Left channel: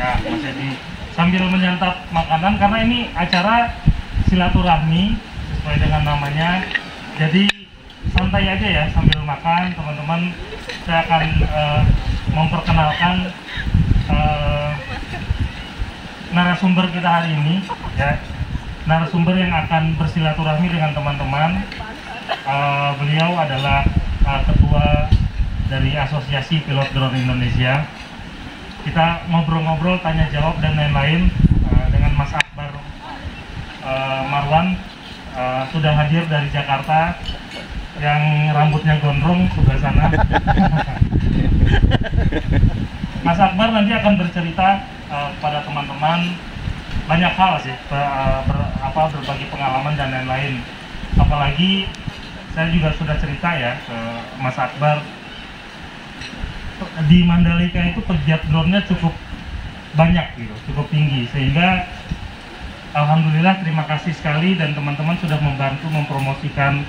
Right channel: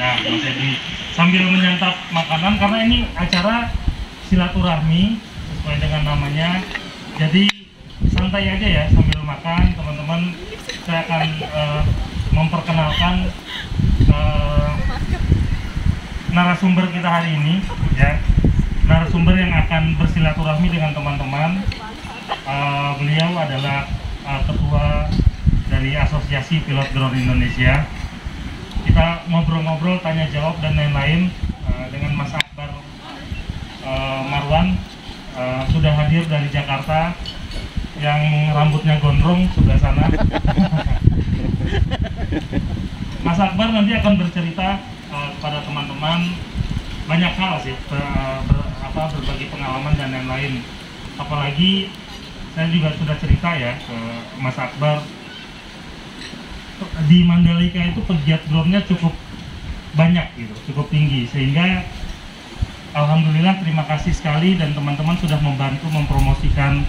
Ya, Mas Edi sambil menyantap makanan karena ini acara silaturahmi sesuai dengan namanya. Jadi santai aja ya sambil makan, teman-teman. Saya akan memperkenalkan narasumber kita hari ini, ya. Narasumber yang akan bersilaturahmi dengan teman-teman. Beliau adalah ketua dari Asosiasi Pilot Drone Indonesia. Kita ngobrol-ngobrol, tanya jawab dan lain-lain dengan Mas Akbar Marwan, sudah hadir dari Jakarta, yang rambutnya gondrong sebelah sana. Mas Akbar nanti akan bercerita kepada teman-teman banyak hal sih, berbagi pengalaman dan lain-lain. Apalagi saya juga sudah cerita ya ke Mas Akbar, di Mandalika itu pegiat drone-nya cukup banyak gitu, cukup tinggi, sehingga alhamdulillah terima kasih sekali dan teman-teman sudah membantu mempromosikan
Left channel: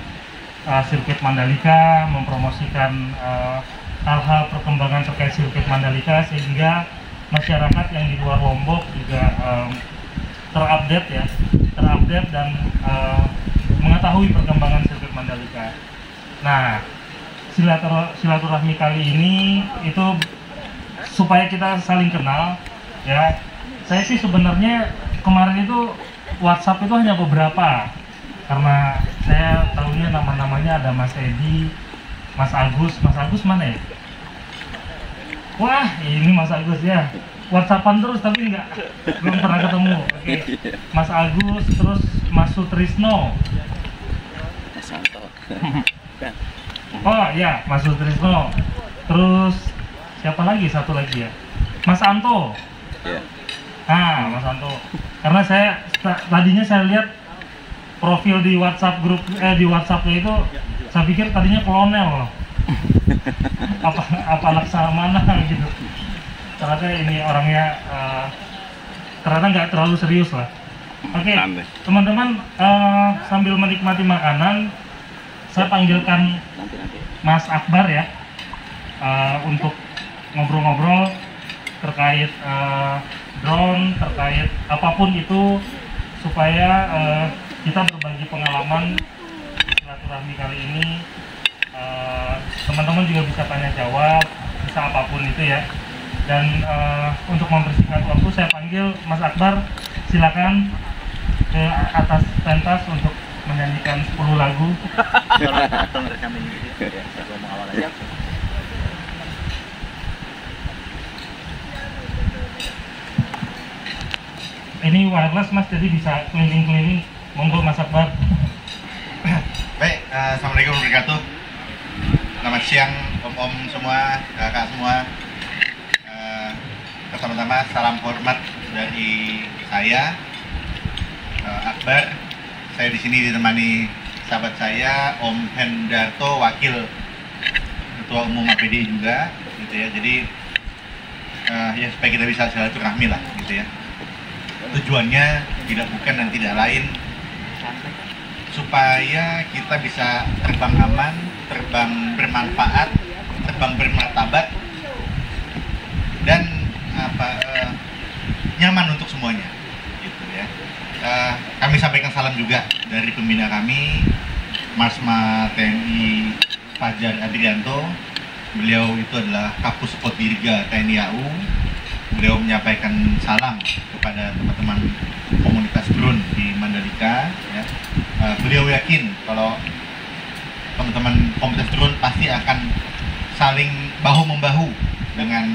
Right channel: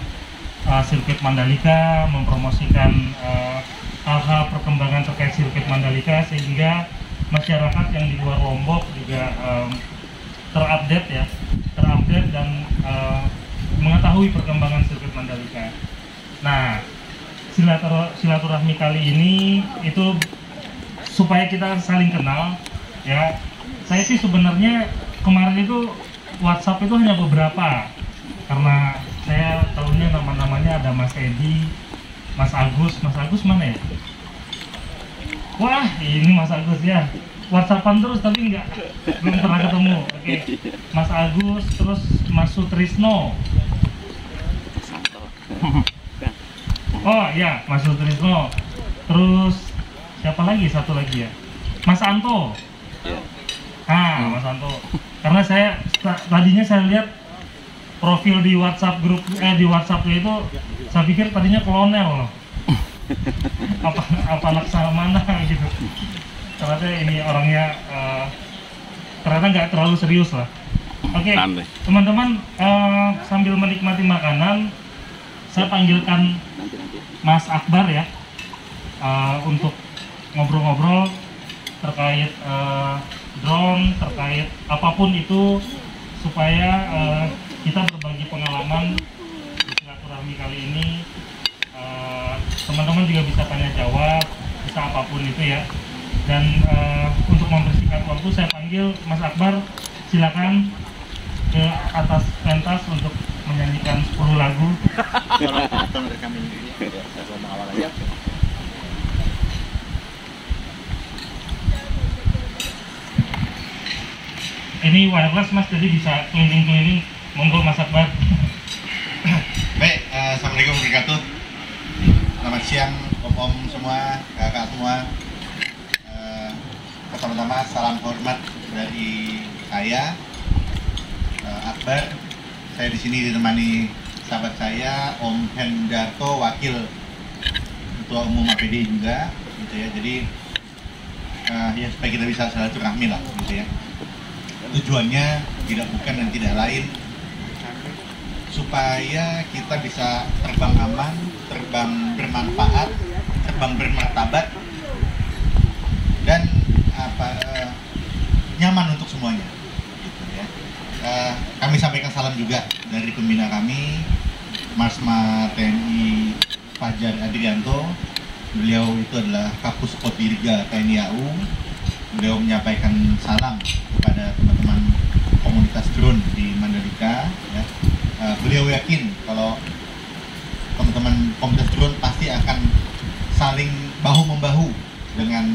sirkuit Mandalika, mempromosikan hal-hal perkembangan terkait sirkuit Mandalika, sehingga masyarakat yang di luar Lombok juga terupdate dan mengetahui perkembangan sirkuit Mandalika. Nah, silaturahmi kali ini itu supaya kita saling kenal, ya. Saya sih sebenarnya kemarin itu WhatsApp itu hanya beberapa, karena saya tahunya nama-namanya ada Mas Edi, Mas Agus mana ya? Wah, ini Mas Agus ya. WhatsAppan terus tapi belum pernah ketemu. Oke. Mas Agus, terus Mas Sutrisno. Oh ya, Mas Sutrisno. Terus siapa lagi? Satu lagi ya, Mas Anto. Mas Anto. Karena tadinya saya lihat profil di WhatsApp grup di WhatsAppnya itu, saya pikir tadinya kolonel. apa laksamana gitu. Ternyata ini orangnya ternyata nggak terlalu serius lah. Oke, teman-teman, sambil menikmati makanan, saya panggilkan Mas Akbar ya, untuk ngobrol-ngobrol terkait drone, terkait apapun itu, supaya kita berbagi pengalaman silaturahmi kali ini. Teman-teman juga bisa tanya jawab, bisa apapun itu ya. Dan untuk membersihkan waktu, saya panggil Mas Akbar, silakan ke atas pentas untuk menyanyikan 10 lagu. Ini wireless Mas, jadi bisa keliling-keliling. Monggo Mas Akbar. Baik, assalamualaikum warahmatullahi wabarakatuh. Selamat siang om-om semua, kakak semua. Pertama-tama salam hormat dari saya, Akbar. Saya di sini ditemani sahabat saya, Om Hendarto, wakil ketua umum APD juga, gitu ya. Jadi ya supaya kita bisa silaturahmi lah, gitu ya. Tujuannya tidak bukan dan tidak lain, supaya kita bisa terbang aman, terbang bermanfaat, terbang bermartabat, dan nyaman untuk semuanya, gitu ya. Kami sampaikan salam juga dari pembina kami, Marsma TNI Fajar Adrianto. Beliau itu adalah Kapus Dirga TNI AU. Beliau menyampaikan salam kepada teman-teman komunitas drone di Mandalika, ya. Beliau yakin kalau teman-teman komunitas drone pasti akan saling bahu-membahu dengan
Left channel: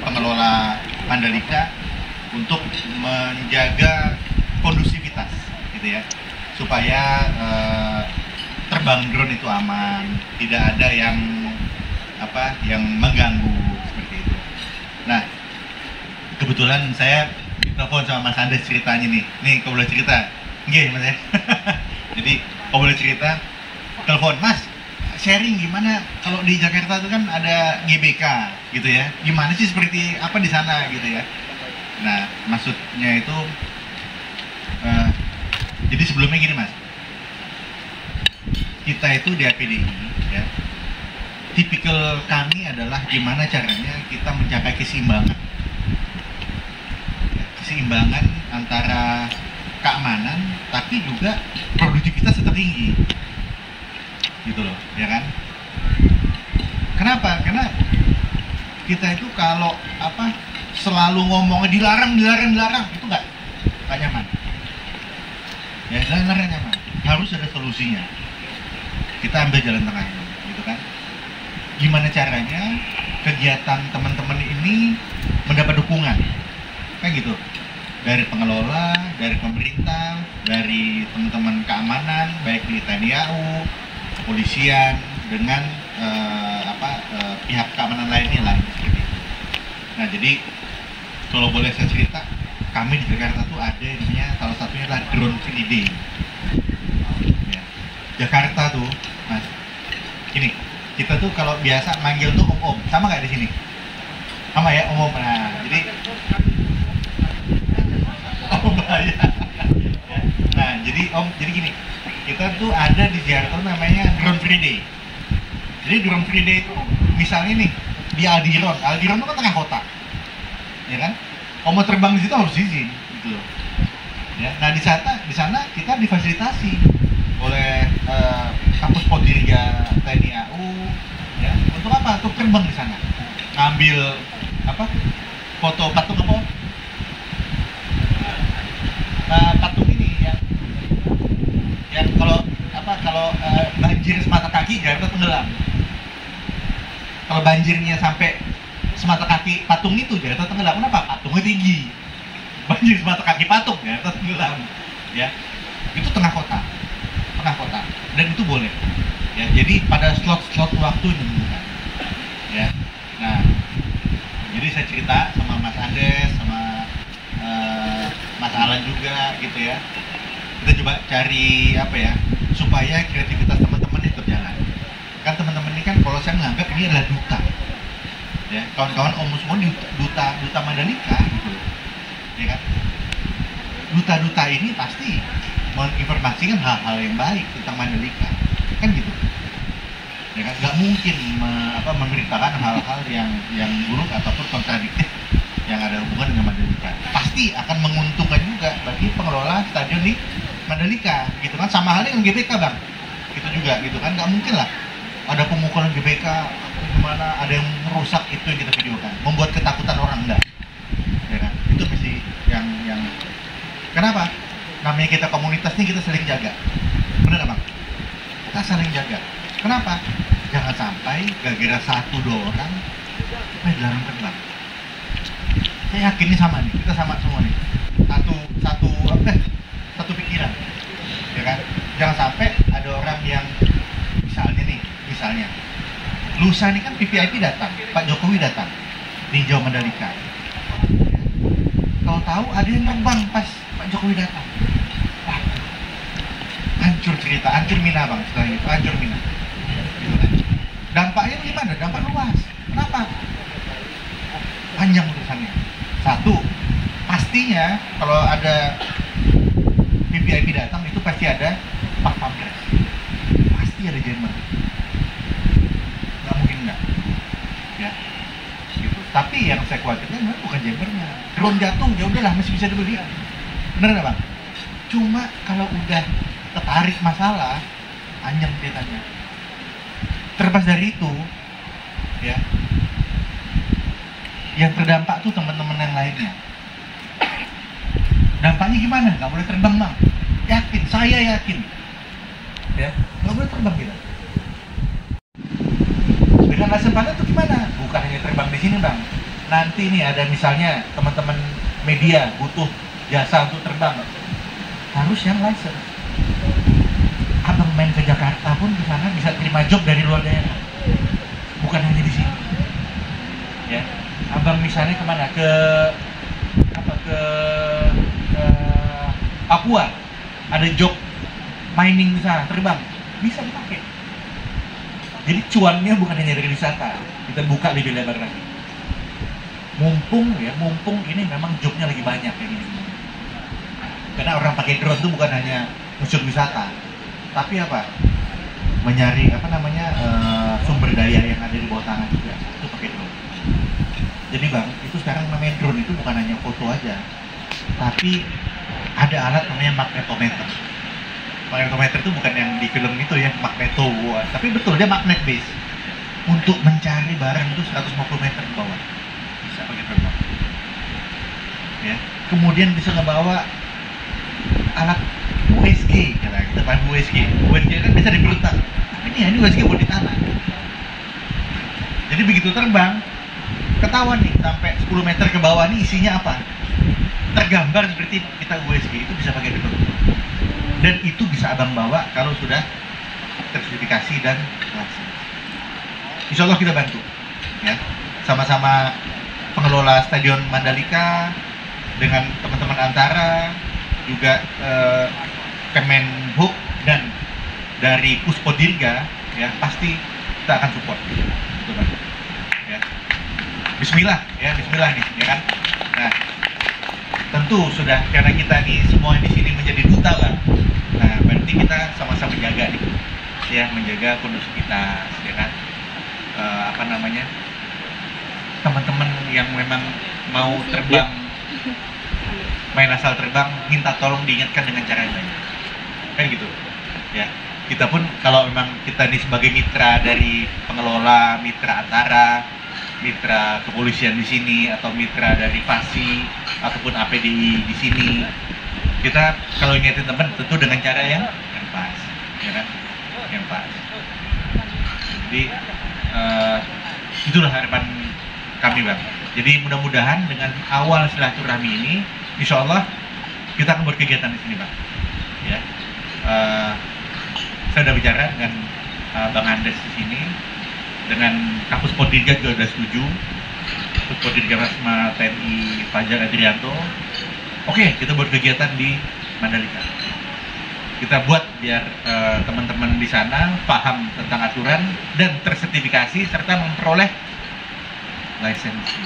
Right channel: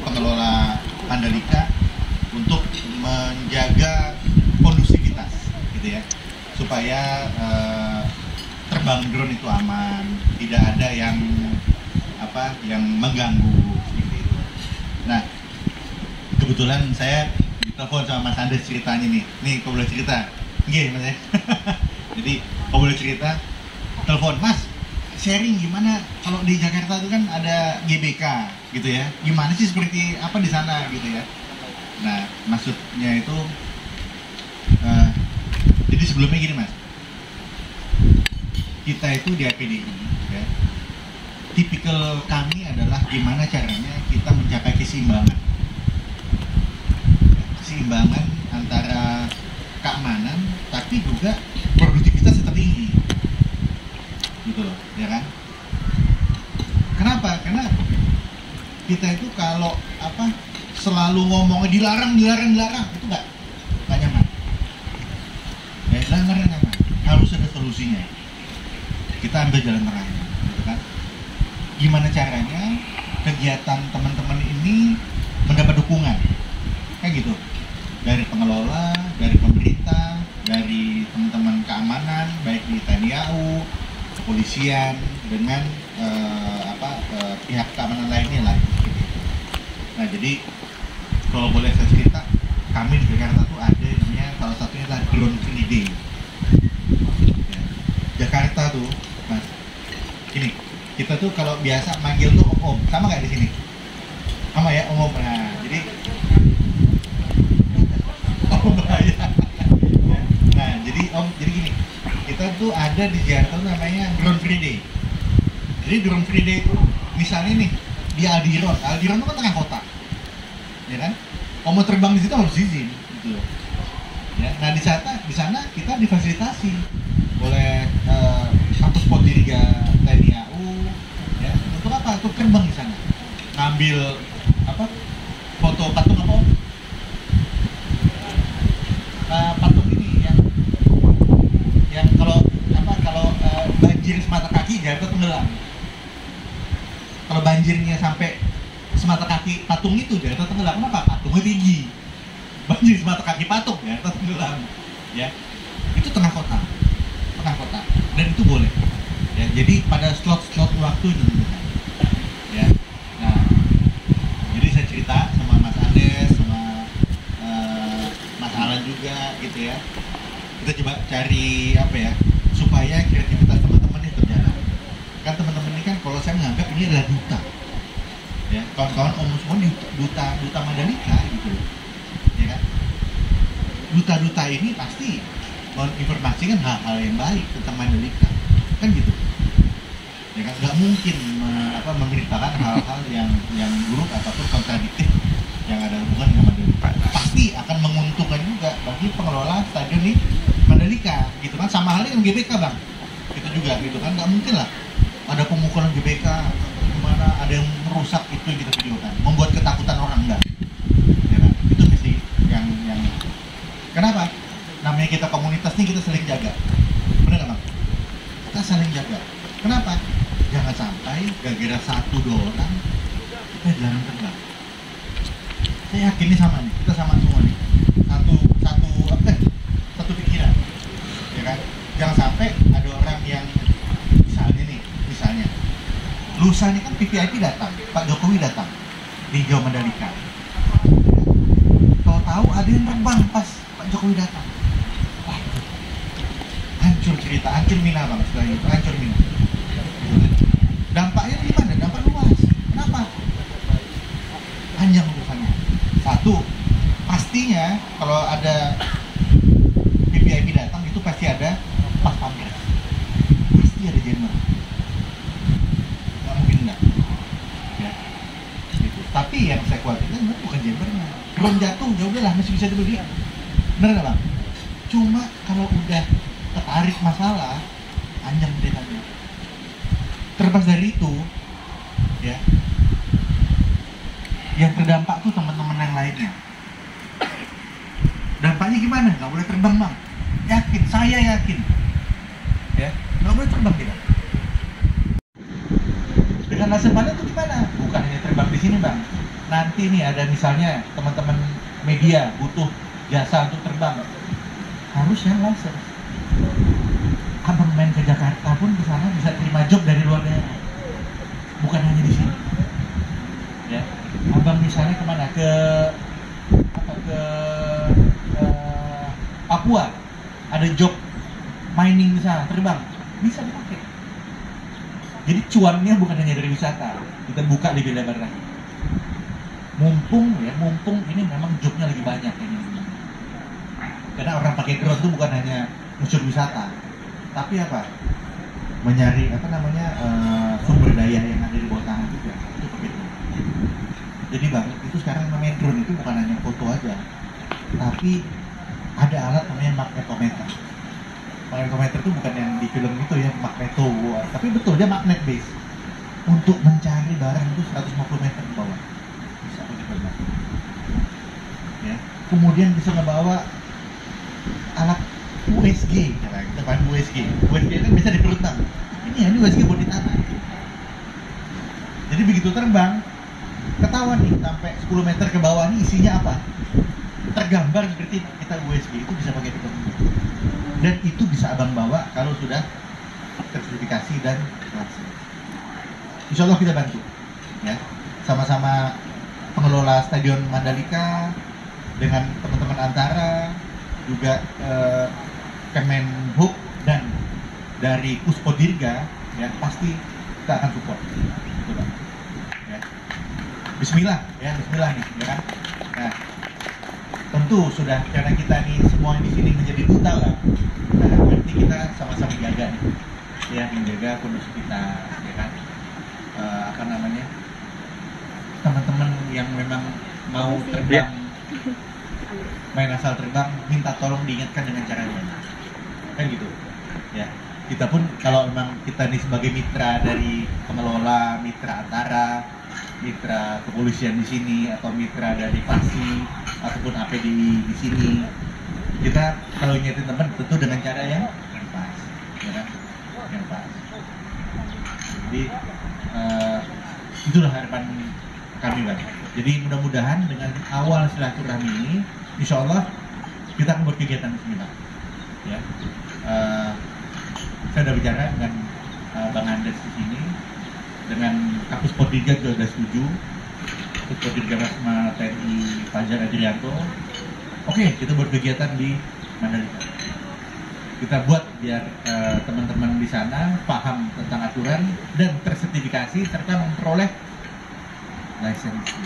pengelola Mandalika untuk menjaga kondusivitas, gitu ya, supaya terbang drone itu aman, tidak ada yang mengganggu seperti itu. Nah, kebetulan saya ditelepon sama Mas Andes ceritanya nih kau boleh cerita, nggih Mas ya. Jadi kau boleh cerita, telepon Mas, sharing gimana kalau di Jakarta itu kan ada GBK gitu ya, gimana sih seperti apa di sana gitu ya. Nah, maksudnya itu jadi sebelumnya gini Mas, kita itu di APDI ya, tipikal kami adalah gimana caranya kita mencapai keseimbangan keseimbangan antara keamanan tapi juga produktivitas tetap tinggi, gitu loh, ya kan? Kenapa? Karena kita itu kalau selalu ngomongnya dilarang itu nggak nyaman. Ya, dilarang nyaman. Harus ada solusinya. Kita ambil jalan tengahnya, gitu kan? Gimana caranya kegiatan teman-teman ini mendapat dukungan, kan gitu? Dari pengelola, dari pemerintah, dari teman-teman keamanan, baik di TNI AU, kepolisian, dengan pihak keamanan lainnya lah, seperti itu. Nah, jadi kalau boleh saya cerita, kami di Jakarta tuh ada yang namanya, salah satunya adalah Drone Free Day. Ya. Jakarta tuh, Mas, ini kita tuh kalau biasa manggil tuh om, sama nggak di sini? Sama ya, om. Nah, jadi om bahaya. Ya. Nah, jadi gini, kita tuh ada di Jakarta namanya Drone Free Day. Jadi Drone Free Day itu misalnya nih di Aldiron itu kan tengah kota, ya kan? Kalau mau terbang di situ harus izin, gitu. Ya, nah di sana kita difasilitasi oleh kampus Podirga TNI AU, ya. Untuk apa? Untuk terbang di sana, ngambil foto patung patung ini yang kalau banjir semata kaki Jakarta tenggelam. Kalau banjirnya sampai semata kaki patung itu Jakarta tenggelam. Kenapa? Patungnya tinggi. Banjir semata kaki patung Jakarta tenggelam. Ya, itu tengah kota, dan itu boleh. Ya, jadi pada slot waktu ditentukan. Ya, nah, jadi saya cerita sama Mas Andes, sama Mas Alan juga, gitu ya. Kita coba cari supaya kreativitas teman-teman itu berjalan. Kan teman-teman ini kan, kalau saya menganggap ini adalah duta, ya, kawan-kawan om semua duta Mandalika, gitu, ya kan? Duta-duta ini pasti menginformasikan hal-hal yang baik tentang Mandalika, kan gitu, ya kan? Nggak mungkin memberitakan hal-hal yang buruk ataupun kontradiktif yang ada hubungan dengan Mandalika. Pasti akan menguntungkan juga bagi pengelola stadion di Mandalika, gitu kan? Sama halnya dengan GBK, Bang, gitu juga, gitu kan? Nggak mungkin lah ada pemukulan GBK, gimana ada yang merusak itu yang kita videokan, membuat ketakutan orang, enggak, ya kan? Itu mesti yang kenapa? Namanya kita komunitas nih, kita saling jaga, benar Bang? Kita saling jaga. Kenapa? Jangan sampai gara-gara 1-2 orang kita dilarang terbang. Saya yakin nih sama nih, kita sama semua nih, satu pikiran, ya kan? Jangan sampai ada orang yang misalnya lusa nih kan VVIP datang, Pak Jokowi datang di Jawa Mandalika, ya. Tahu-tahu ada yang terbang pas Pak Jokowi datang, waduh, hancur cerita, hancur Mina Bang, setelah itu hancur Mina, gitu kan. Dampaknya gimana? Dampak luas. Kenapa? Panjang urusannya. Satu, pastinya kalau ada VVIP datang itu pasti ada pas pampres, pasti ada jammer, nggak mungkin enggak, ya, gitu. Tapi yang saya khawatirkan bukan jammernya, drone jatuh ya udahlah masih bisa dibeli, bener nggak Bang? Cuma kalau udah ketarik masalah, panjang ceritanya. Terlepas dari itu, ya, yang terdampak tuh teman-teman yang lainnya. Dampaknya gimana? Nggak boleh terbang Bang, yakin, saya yakin, ya, nggak boleh terbang kita. Dengan license panen itu gimana? Bukan hanya terbang di sini Bang, nanti nih ada misalnya teman-teman media butuh jasa untuk terbang, harus yang license. Abang main ke Jakarta pun di sana bisa terima job dari luar daerah, bukan hanya di sini, ya. Abang misalnya kemana? Ke Papua, ada job mining di sana, terbang, bisa dipakai. Jadi cuannya bukan hanya dari wisata, kita buka lebih lebar lagi. Mumpung ini memang jobnya lagi banyak kayak gini. Karena orang pakai drone itu bukan hanya unsur wisata, tapi mencari sumber daya yang ada di bawah tanah juga, itu pakai drone. Jadi Bang, itu sekarang namanya drone itu bukan hanya foto aja, tapi ada alat namanya magnetometer. Magnetometer itu bukan yang di film itu ya, magneto, tapi betul dia magnet base untuk mencari barang itu 150 meter ke bawah, bisa pakai terbang ya. Kemudian bisa ngebawa alat USG, kita paham USG kan bisa di perut bang, ini USG buat di tanah. Jadi begitu terbang ketahuan nih sampai 10 meter ke bawah nih isinya apa, tergambar seperti kita USG, itu bisa pakai terbang. Dan itu bisa abang bawa kalau sudah tersertifikasi dan langsung. Insya Allah kita bantu, ya, sama-sama pengelola Stadion Mandalika dengan teman-teman Antara, juga Kemenhub dan dari Puspodirga, ya pasti kita akan support, gitu kan? Ya. Bismillah, ya Bismillah nih, ya kan? Nah, tentu sudah karena kita nih semua di sini menjadi duta lah. Nah, berarti kita sama-sama menjaga nih, ya menjaga kondusivitas, ya kan? Teman-teman yang memang mau terbang, main asal terbang, minta tolong diingatkan dengan cara yang lain, kan gitu, ya. Kita pun kalau memang kita nih sebagai mitra dari pengelola, mitra Antara, mitra kepolisian di sini, atau mitra dari FASI ataupun APDI di sini, kita kalau ingetin teman tentu dengan cara yang pas, ya kan, yang pas. Jadi itulah harapan kami bang. Jadi mudah-mudahan dengan awal silaturahmi ini, insya Allah kita akan berkegiatan di sini bang. Ya, saya sudah bicara dengan Bang Andes di sini, dengan Kapus Poddirga juga sudah setuju, Kapus Poddirga Marsma TNI Fajar Adrianto. Oke, kita buat kegiatan di Mandalika. Kita buat biar teman-teman di sana paham tentang aturan dan tersertifikasi serta memperoleh lisensi.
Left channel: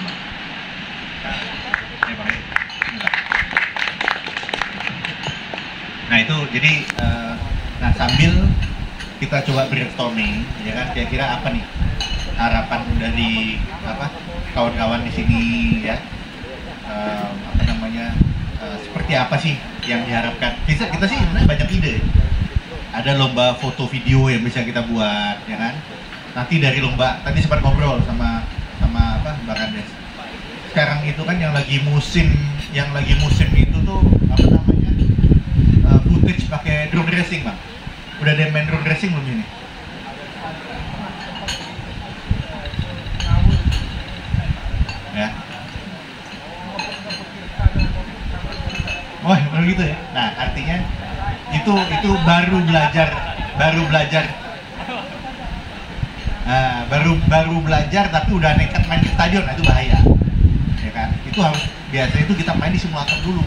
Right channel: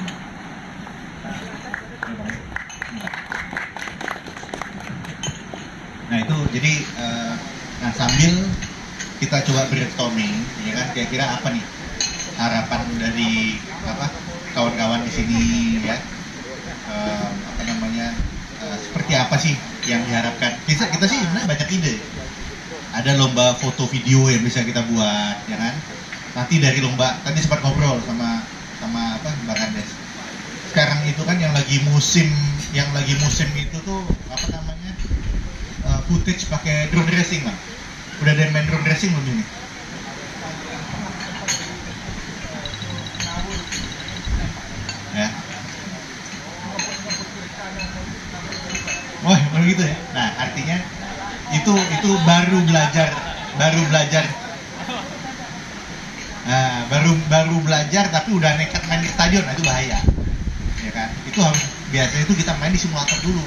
Nah itu jadi nah sambil kita coba brainstorming, ya kan, kira-kira apa nih harapan dari kawan-kawan di sini, ya, seperti apa sih yang diharapkan. Kita sih sebenarnya banyak ide. Ada lomba foto video yang bisa kita buat, ya kan. Nanti dari lomba tadi sempat ngobrol sama Bang Andes. Sekarang itu kan yang lagi musim itu tuh footage pakai drone racing bang. Udah ada yang main drone racing belum ini? Ya. Wah, baru gitu ya. Nah, artinya itu baru belajar. Nah, baru belajar tapi udah nekat main di stadion, nah itu bahaya. Ya kan? Itu harus biasa itu kita main di simulator dulu.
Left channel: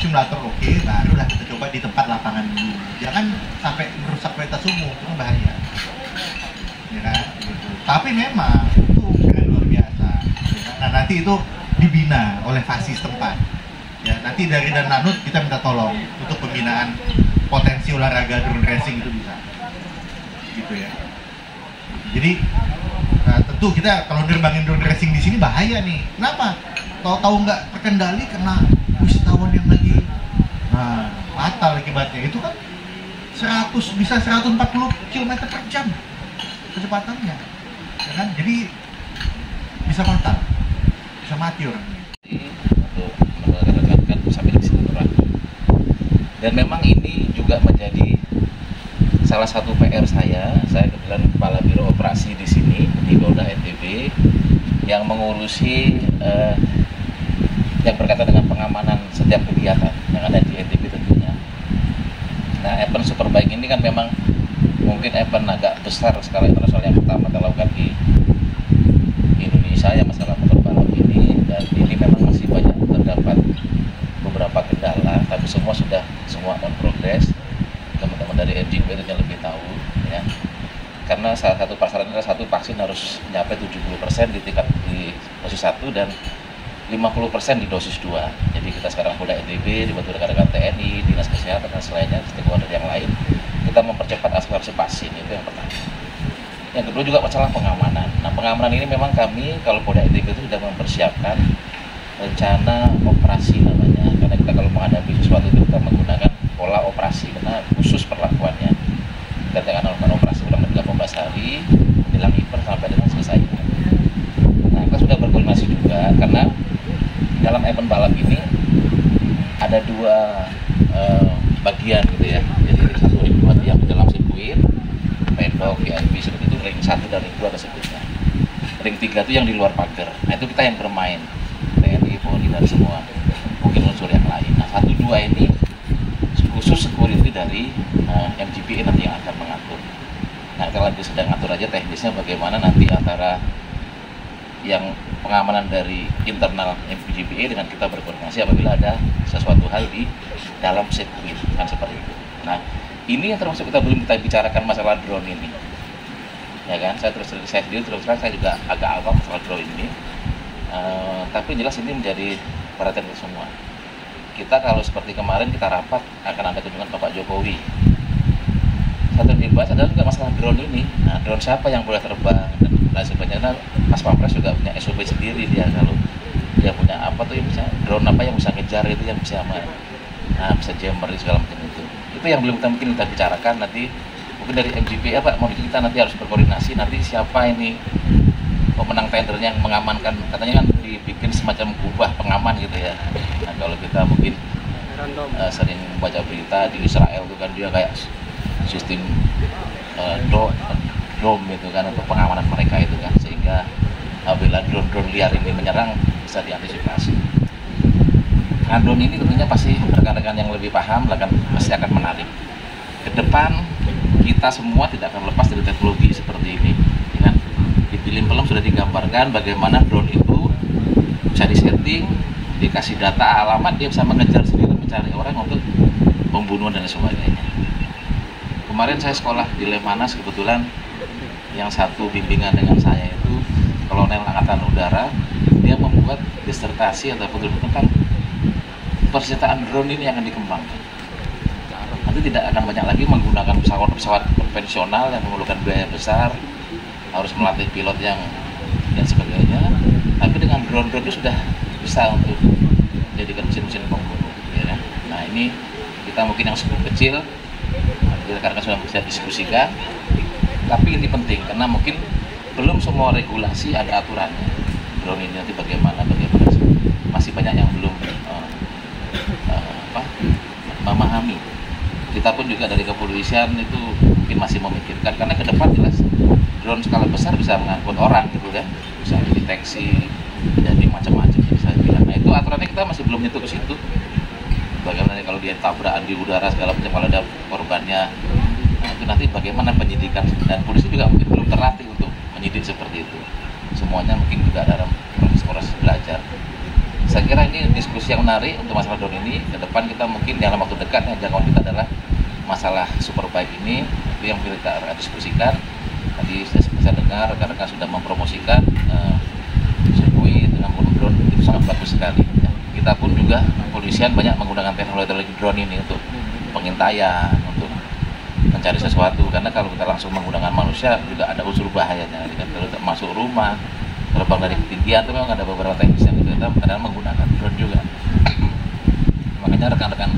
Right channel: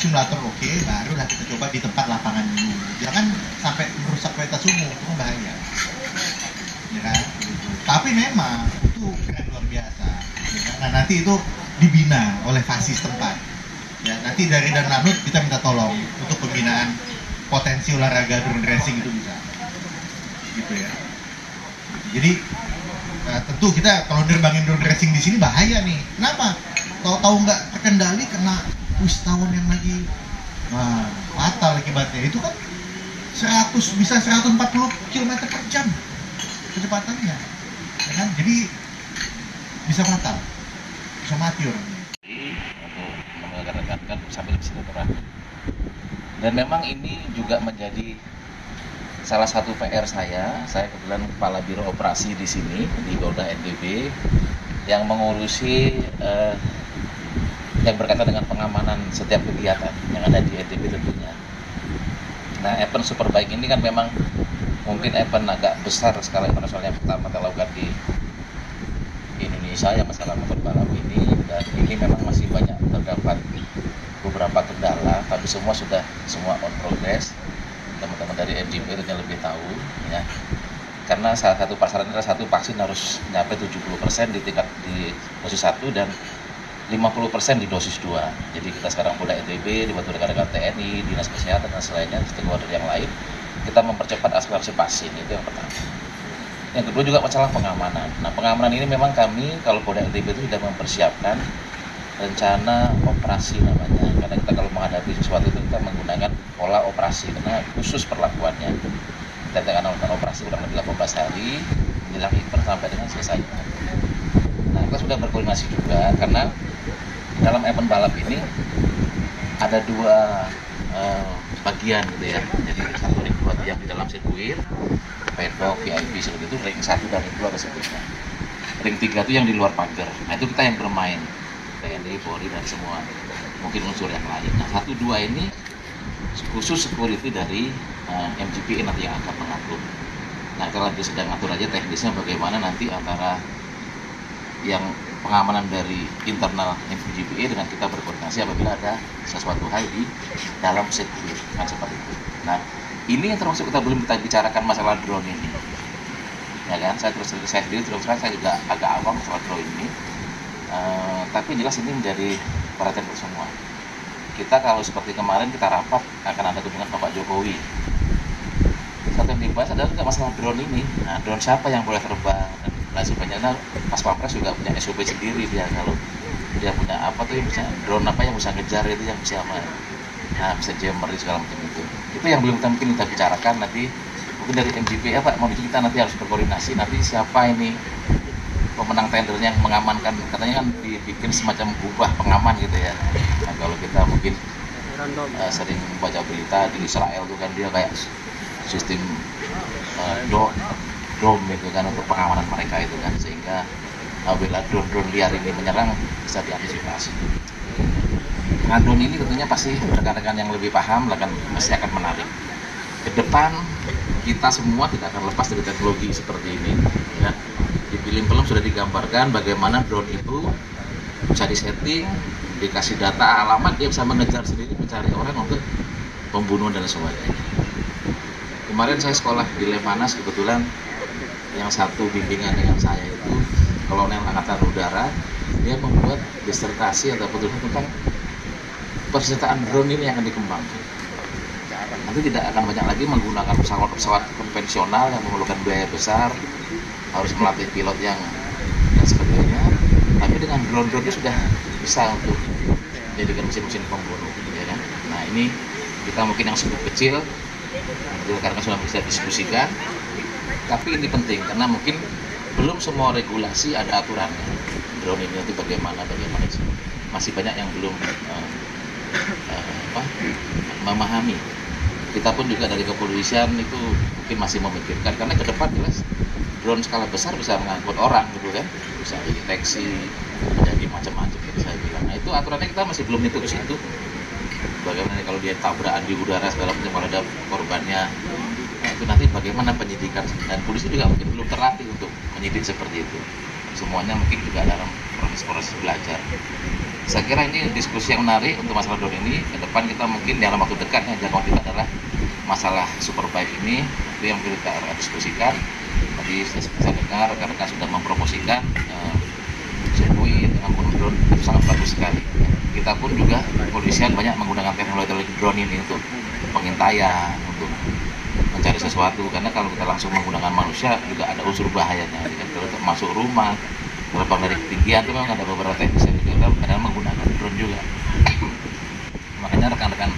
Simulator oke, barulah kita coba di tempat lapangan dulu. Jangan sampai merusak kualitas umum, itu bahaya. Ya kan? Gitu. Tapi memang itu keren luar biasa. Ya kan? Nah, nanti itu dibina oleh FASI setempat. Ya, nanti dari Danlanut kita minta tolong untuk pembinaan potensi olahraga drone racing itu bisa. Gitu ya. Jadi tentu kita kalau nerbangin drone racing di sini bahaya nih. Kenapa? Tahu-tahu nggak terkendali kena wisatawan yang lagi fatal akibatnya. Itu kan bisa 140 km per jam kecepatannya, ya kan? Jadi bisa fatal, bisa mati orang. Untuk mengedepankan sambil silaturahmi. Dan memang ini juga menjadi salah satu PR saya kebetulan kepala biro operasi di sini di Polda NTB yang mengurusi yang berkaitan dengan pengamanan setiap kegiatan yang ada di NTB tentunya. Nah, event Superbike ini kan memang mungkin event agak besar skala internasional yang pertama kita lakukan di Indonesia ya, masalah motor balap ini, dan ini memang masih banyak terdapat beberapa kendala, tapi semua on progress. Teman-teman dari NTB itu yang lebih tahu, ya. Karena salah satu pasaran adalah satu vaksin harus nyampe 70% di tingkat di dosis 1 dan 50% di dosis 2. Jadi kita sekarang Polda NTB dibantu rekan-rekan TNI, Dinas Kesehatan dan selainnya, stakeholder yang lain, kita mempercepat akselerasi vaksin, itu yang pertama. Yang kedua juga masalah pengamanan. Nah, pengamanan ini memang kami kalau Polda NTB itu sudah mempersiapkan rencana operasi namanya, karena kita kalau menghadapi sesuatu itu kita menggunakan pola operasi karena khusus perlakuannya. Kita akan melakukan operasi ulang 18 hari menjelang event sampai dengan selesai. Nah, kita sudah berkoordinasi juga karena dalam event balap ini ada dua bagian gitu ya. Jadi satu ring 2 yang di dalam sirkuit, paddock, VIP seperti itu, ring 1 dan ring 2 tersebutnya. Ring 3 itu yang di luar pagar. Nah, itu kita yang bermain. TNI, Polri dan semua mungkin unsur yang lain. Nah, 1, 2 ini khusus security dari MGPA nanti yang akan mengatur. Nah, kita lagi sedang atur aja teknisnya bagaimana nanti antara yang pengamanan dari internal MGPA dengan kita berkoordinasi apabila ada sesuatu hal di dalam sirkuit kan seperti itu. Nah, ini yang termasuk kita belum kita bicarakan masalah drone ini, ya kan? Saya sendiri terus terang saya juga agak awam masalah drone ini, tapi jelas ini menjadi perhatian kita semua. Kita kalau seperti kemarin kita rapat akan ada kunjungan Bapak Jokowi. Satu yang dibahas adalah juga masalah drone ini. Nah, drone siapa yang boleh terbang dan lain sebagainya. Nah, Mas Pampres juga punya SOP sendiri dia, kalau dia punya apa tuh yang bisa drone apa yang bisa ngejar itu yang bisa bisa jammer segala macam itu. Itu yang belum mungkin kita bicarakan nanti. Mungkin dari MGPA Pak mau kita nanti harus berkoordinasi nanti siapa ini pemenang tendernya yang mengamankan, katanya kan dibikin semacam kubah pengaman gitu ya. Nah, kalau kita mungkin sering baca berita di Israel itu kan dia kayak sistem dome itu kan untuk pengamanan mereka itu kan, sehingga apabila drone liar ini menyerang bisa diantisipasi. Nah, drone ini tentunya pasti rekan-rekan yang lebih paham pasti akan menarik. Ke depan kita semua tidak akan lepas dari teknologi seperti ini. Ya. Di film-film sudah digambarkan bagaimana drone itu bisa disetting, dikasih data alamat, dia bisa mengejar sendiri mencari orang untuk pembunuhan dan sebagainya. Kemarin saya sekolah di Lemanas, kebetulan yang satu bimbingan dengan saya itu Kolonel Angkatan Udara, dia membuat disertasi atau penulis tentang persenjataan drone ini yang akan dikembangkan. Nanti tidak akan banyak lagi menggunakan pesawat konvensional yang memerlukan biaya besar, harus melatih pilot yang dan sebagainya. Tapi dengan drone itu sudah bisa untuk menjadikan mesin-mesin pembunuh. Ya kan? Nah, ini kita mungkin yang cukup kecil, karena sudah bisa diskusikan. Tapi ini penting karena mungkin belum semua regulasi ada aturannya. Drone ini nanti bagaimana masih banyak yang belum memahami. Kita pun juga dari kepolisian itu mungkin masih memikirkan karena ke depan jelas drone skala besar bisa mengangkut orang gitu kan, bisa deteksi jadi macam-macam saya bilang. Nah, itu aturannya kita masih belum nyentuh ke situ. Bagaimana kalau dia tabrakan di udara segala macam, kalau ada korbannya. Nah, itu nanti bagaimana penyidikan, dan polisi juga mungkin belum terlatih untuk menyidik seperti itu. Semuanya mungkin juga dalam proses belajar. Saya kira ini diskusi yang menarik untuk masalah drone ini. Ke depan kita mungkin dalam waktu dekat jangkauan kita adalah masalah superbike ini, itu yang kita diskusikan. Tadi saya bisa dengar rekan-rekan sudah mempromosikan sirkuit dengan drone, itu sangat bagus sekali. Kita pun juga kepolisian banyak menggunakan teknologi drone ini untuk pengintaian, untuk mencari sesuatu, karena kalau kita langsung menggunakan manusia juga ada unsur bahayanya. Kalau masuk rumah, terbang dari ketinggian itu memang ada beberapa teknis yang kita kadang menggunakan drone juga. Makanya rekan-rekan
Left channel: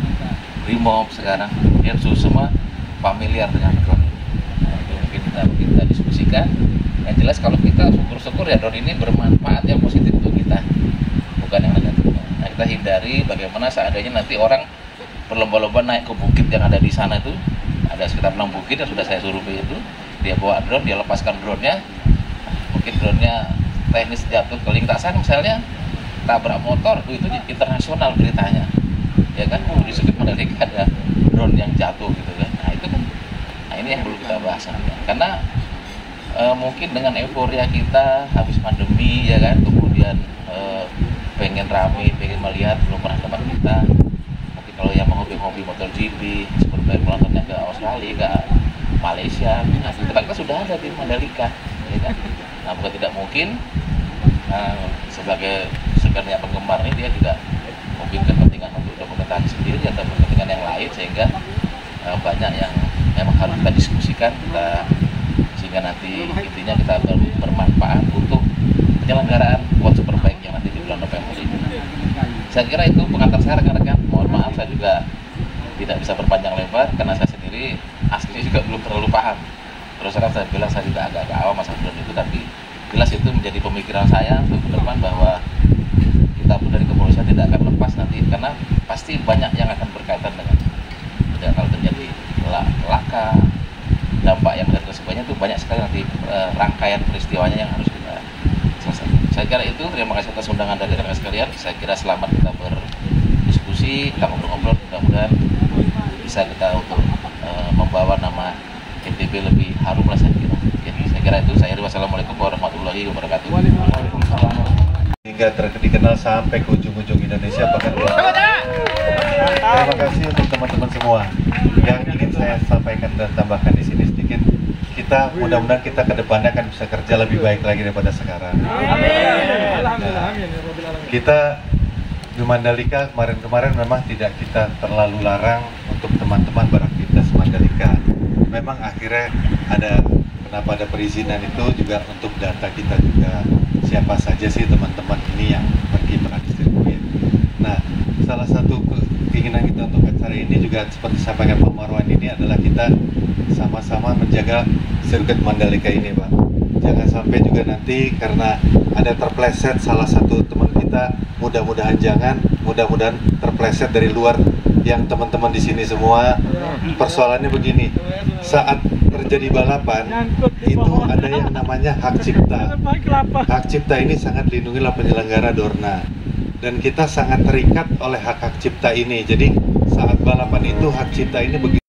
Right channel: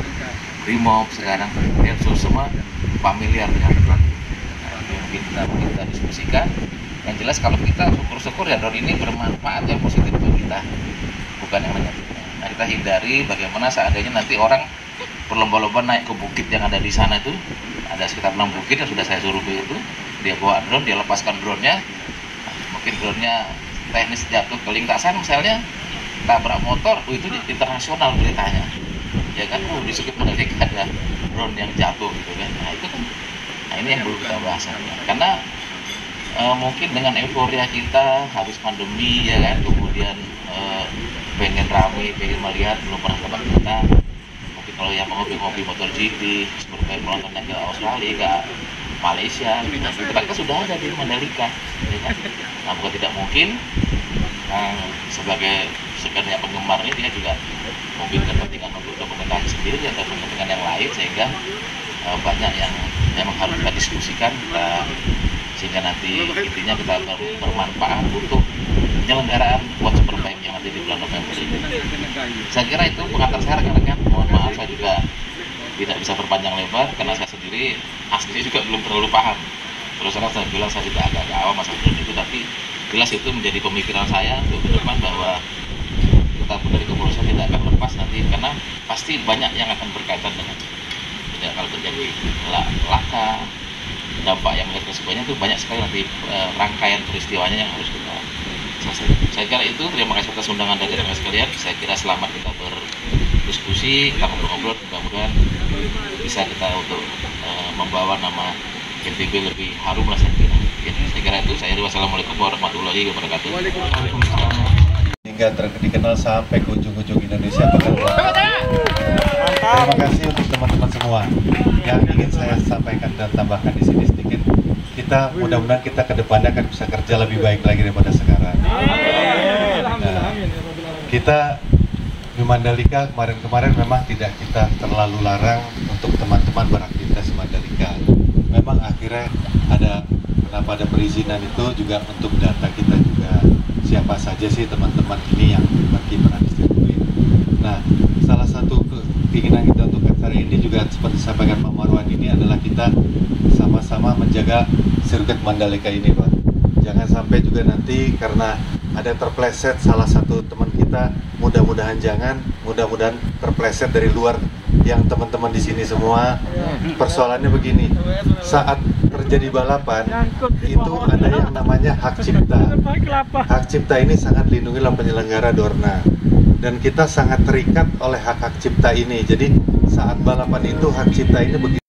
Brimob sekarang semua familiar dengan drone. Nah, itu mungkin kita diskusikan. Yang jelas kalau kita syukur-syukur ya drone ini bermanfaat yang positif untuk kita, bukan yang negatif. Nah, kita hindari bagaimana seandainya nanti orang berlomba-lomba naik ke bukit yang ada di sana itu, ada sekitar 6 bukit yang sudah saya survei itu, dia bawa drone, dia lepaskan drone-nya, mungkin drone-nya teknis jatuh ke lintasan misalnya, tabrak motor, itu internasional beritanya, ya kan? Di Sirkuit Mandalika ada drone yang jatuh gitu kan. Nah, itu kan, nah ini yang perlu kita bahas karena mungkin dengan euforia kita habis pandemi ya kan, kemudian pengen rame, pengen melihat, belum pernah tempat kita. Mungkin kalau yang hobi motor GP, seperti nontonnya ke Australia, ke Malaysia, kita sudah ada di Mandalika, ya kan? Nah, bukan tidak mungkin. Sebagai sebenarnya penggemar ini dia juga mungkin kepentingan untuk dokumentasi sendiri atau kepentingan yang lain, sehingga banyak yang memang harus kita diskusikan sehingga nanti intinya kita bermanfaat untuk penyelenggaraan World Superbike yang nanti di bulan November ini. Saya kira itu pengantar saya rekan-rekan. Mohon maaf saya juga tidak bisa berpanjang lebar karena saya sendiri asli juga belum terlalu paham. Terus terang saya bilang saya tidak agak awam masalah drone itu, tapi jelas itu menjadi pemikiran saya untuk ke depan bahwa kita pun dari kepolisian tidak akan lepas nanti, karena pasti banyak yang akan berkaitan dengan kalau terjadi laka, dampak yang melihat kesemuanya itu banyak sekali nanti rangkaian peristiwanya yang harus kita selesaikan. Saya kira itu, terima kasih atas undangan dari rekan sekalian. Saya kira selamat kita berdiskusi, kita ngobrol-ngobrol, mudah-mudahan bisa kita untuk membawa nama NTB lebih harum lah saya kira. Ya, saya kira itu. Wassalamualaikum warahmatullahi wabarakatuh. Waalaikumsalam. Hingga dikenal sampai ke ujung-ujung Indonesia bahkan. Terima kasih untuk teman-teman semua. Yang ingin saya sampaikan dan tambahkan di sini sedikit, kita mudah-mudahan kita ke depannya akan bisa kerja lebih baik lagi daripada sekarang. Nah, kita di Mandalika kemarin memang tidak kita terlalu larang untuk teman-teman beraktivitas Mandalika. Memang akhirnya kenapa ada perizinan itu juga untuk data kita juga, siapa saja sih teman-teman ini yang pergi beraktivitas. Nah, salah satu keinginan kita untuk acara ini juga seperti sampaikan Pak Marwan ini adalah kita sama-sama menjaga sirkuit Mandalika ini, Pak. Jangan sampai juga nanti karena ada terpleset salah satu teman kita, mudah-mudahan terpleset dari luar yang teman-teman di sini semua. Persoalannya begini, saat terjadi balapan itu ada yang namanya hak cipta. Hak cipta ini sangat dilindungi oleh penyelenggara Dorna, dan kita sangat terikat oleh hak cipta ini. Jadi saat balapan itu hak cipta ini begitu